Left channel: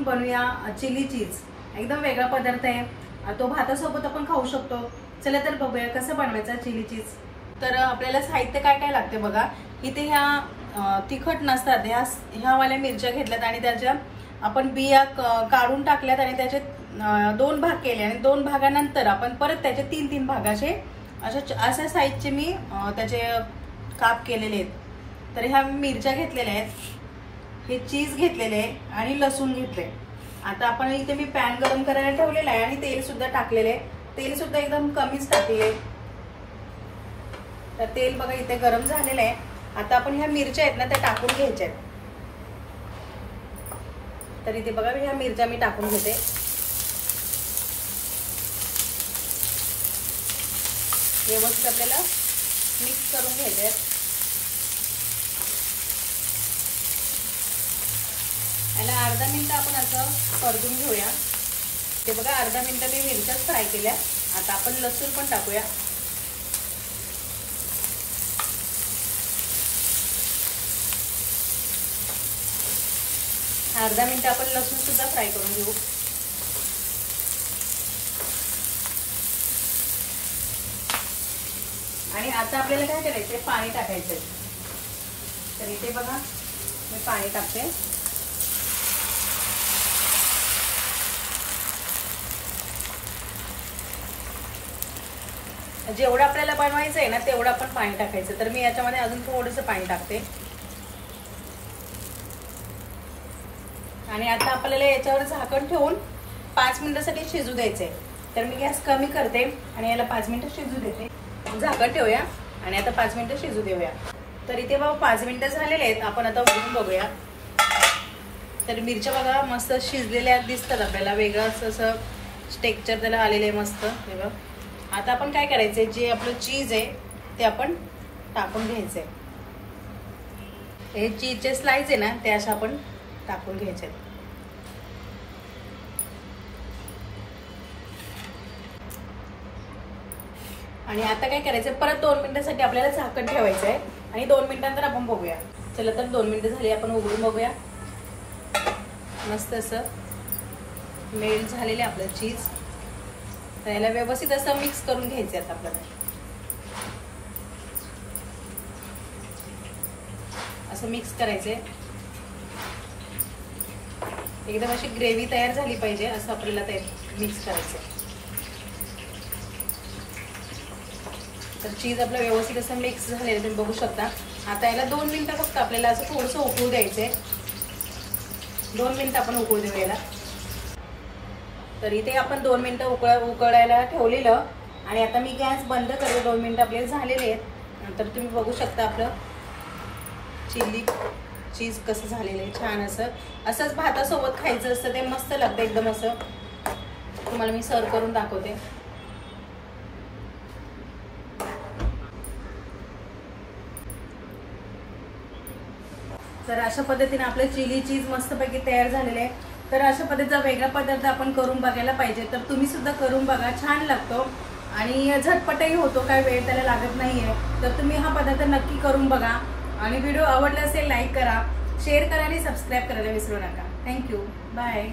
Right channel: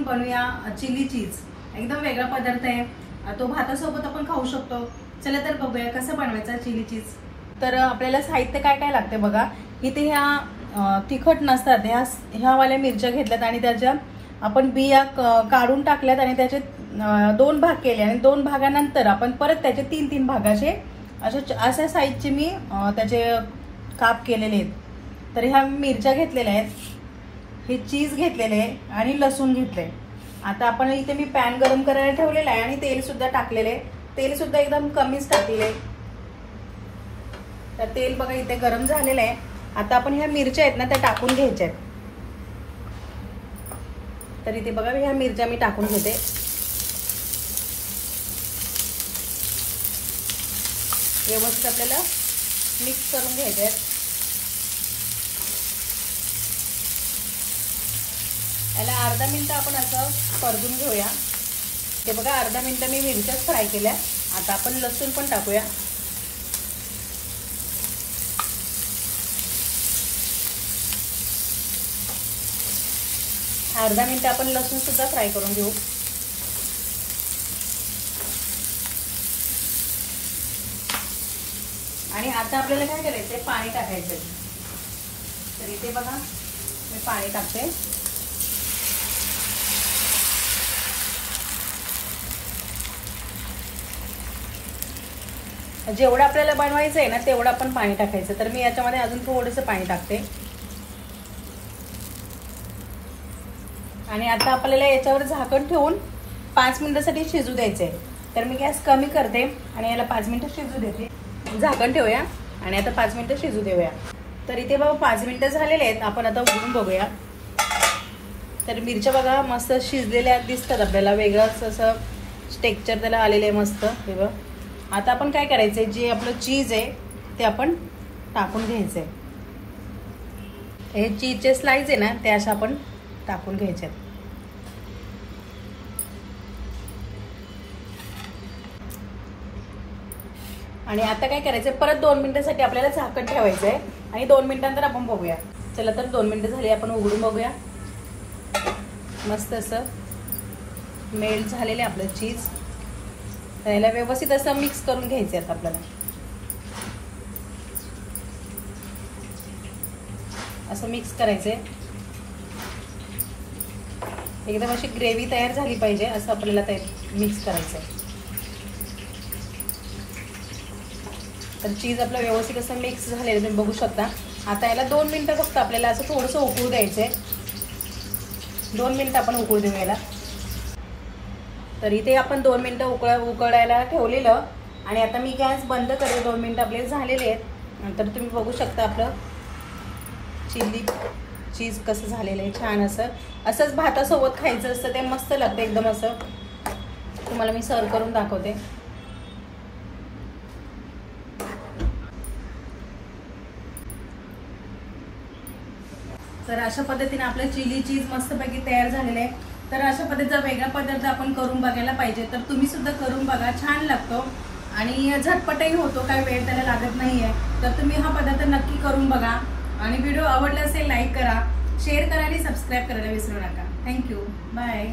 आपण बनवूया chilli cheese. एकदम वेगळा पदार्थ आहे, तो भातासोबत आपण खाऊ शकतो। चला तर बघूया कसं बनवायचं चिली चीज। तर आपल्याला साहित्य काय काय लागते बघा। इथे ह्या तिखट नसतात, ह्या वाल्या मिरच्या घेतल्यात आणि त्याच्या आपण बिया काढून टाकल्यात आणि त्याचे 2 भाग केले आणि 2 भागानंतर आपण परत त्याचे 3-3 भागाचे अशा साईजचे मी त्याचे काप केलेले आहेत। तर ह्या मिरच्या घेतलेल्या आहेत, हे चीज घेतलेले आहे आणि लसूण घेतले। आता आपण इथे मी पॅन गरम करायला ठेवलेला आहे आणि तेल सुद्धा टाकलेले आहे। तेल सुद्धा एकदम कमीच टाकलेले। तर तेल बघा इथे गरम झालेलं आहे। आता आपण ह्या मिरच्या आहेत ना त्या टाकून घ्यायच्या आहेत। तर इथे बघा ह्या मिरच्या मी टाकून घेते। व्यवस्थित आपल्याला मिक्स करून घ्यायचे। याला अर्धा मिनिट आपण असं परतून घेऊया। हे बघा अर्धा मिनिट मी मिरच्याच फ्राय केल्या। आता आपण लसूण पण टाकूया। अर्धा मिनिट आपण लसूण सुद्धा फ्राय करून घेऊ। आणि आता आपल्याला काय करायचंय, पाणी टाकायचंय। तर इथे बघा मी पाणी टाकते। जेवढं आपल्याला बनवायचं आहे ना तेवढं आपण पाणी टाकायचं। तर मी याच्यामध्ये अजून थोडंसं पाणी टाकते। आणि आता आपल्याला याच्यावर झाकण ठेवून 5 मिनिटांसाठी शिजू द्यायचंय। तर मी गॅस कमी करते आणि याला 5 मिनिटं शिजू देते। झाकण ठेवूया आणि आता 5 मिनिटं शिजू देऊया। तर इथे बघा 5 मिनिटं झालेले आहेत। आपण आता उघडून बघूया। तर मिरच्या बघा मस्त शिजलेल्या दिसतात आपल्याला, वेगळंच असं टेक्स्चर त्याला आलेलं आहे मस्त। आता आपण काय करायचंय, जे आपलं चीज आहे ते आपण टाकून घ्यायचंय। हे चीजचे स्लाइस आहे ना ते असं आपण टाकून घ्यायचे। आणि आता काय करायचंय, परत 2 मिनिटांसाठी आपल्याला झाकण ठेवायचंय आणि 2 मिनिटांनंतर आपण बघूया। चला तर 2 मिनिटं झाली, आपण उघडून बघूया। मस्त असं मेल्ट झालेले आपलं चीज। त्याला व्यवस्थित असं मिक्स करून घ्यायचे आता आपल्याला। असं मिक्स करायचे, एकदम अशी ग्रेव्ही तयार झाली पाहिजे असं आपल्याला ते मिक्स करायचं। तर चीज आपलं व्यवस्थित असं मिक्स झालेलं तुम्ही बघू शकता। आता याला 2 मिनिटं फक्त आपल्याला असं थोडंसं उकळू द्यायचंय। 2 मिनिटं आपण उकळू देऊ याला। तर इथे आपण 2 मिनिटं उकळायला ठेवलेलं आणि आता मी गॅस बंद करते। 2 मिनिटं आपले झालेले आहेत। नंतर तुम्ही बघू शकता आपलं चिली चीज कसं झालेलं आहे, छान असंच भातासोबत खायचं असतं, ते मस्त लागतं एकदम असं। तुम्हाला मी सर्व करून दाखवते। तर अशा पद्धतीने आपलं चिली चीज मस्तपैकी तयार झालेलं आहे। तर अशा पद्धतीचा वेगळा पदार्थ आपण करून बघायला पाहिजे। तर तुम्ही सुद्धा करून बघा, छान लागतो आणि झटपटही होतो, काही वेळ त्याला लागत नाहीये। तर तुम्ही हा पदार्थ नक्की करून बघा आणि व्हिडिओ आवडला असेल लाईक करा, शेअर करा आणि सबस्क्राईब करायला विसरू नका। Thank you, bye.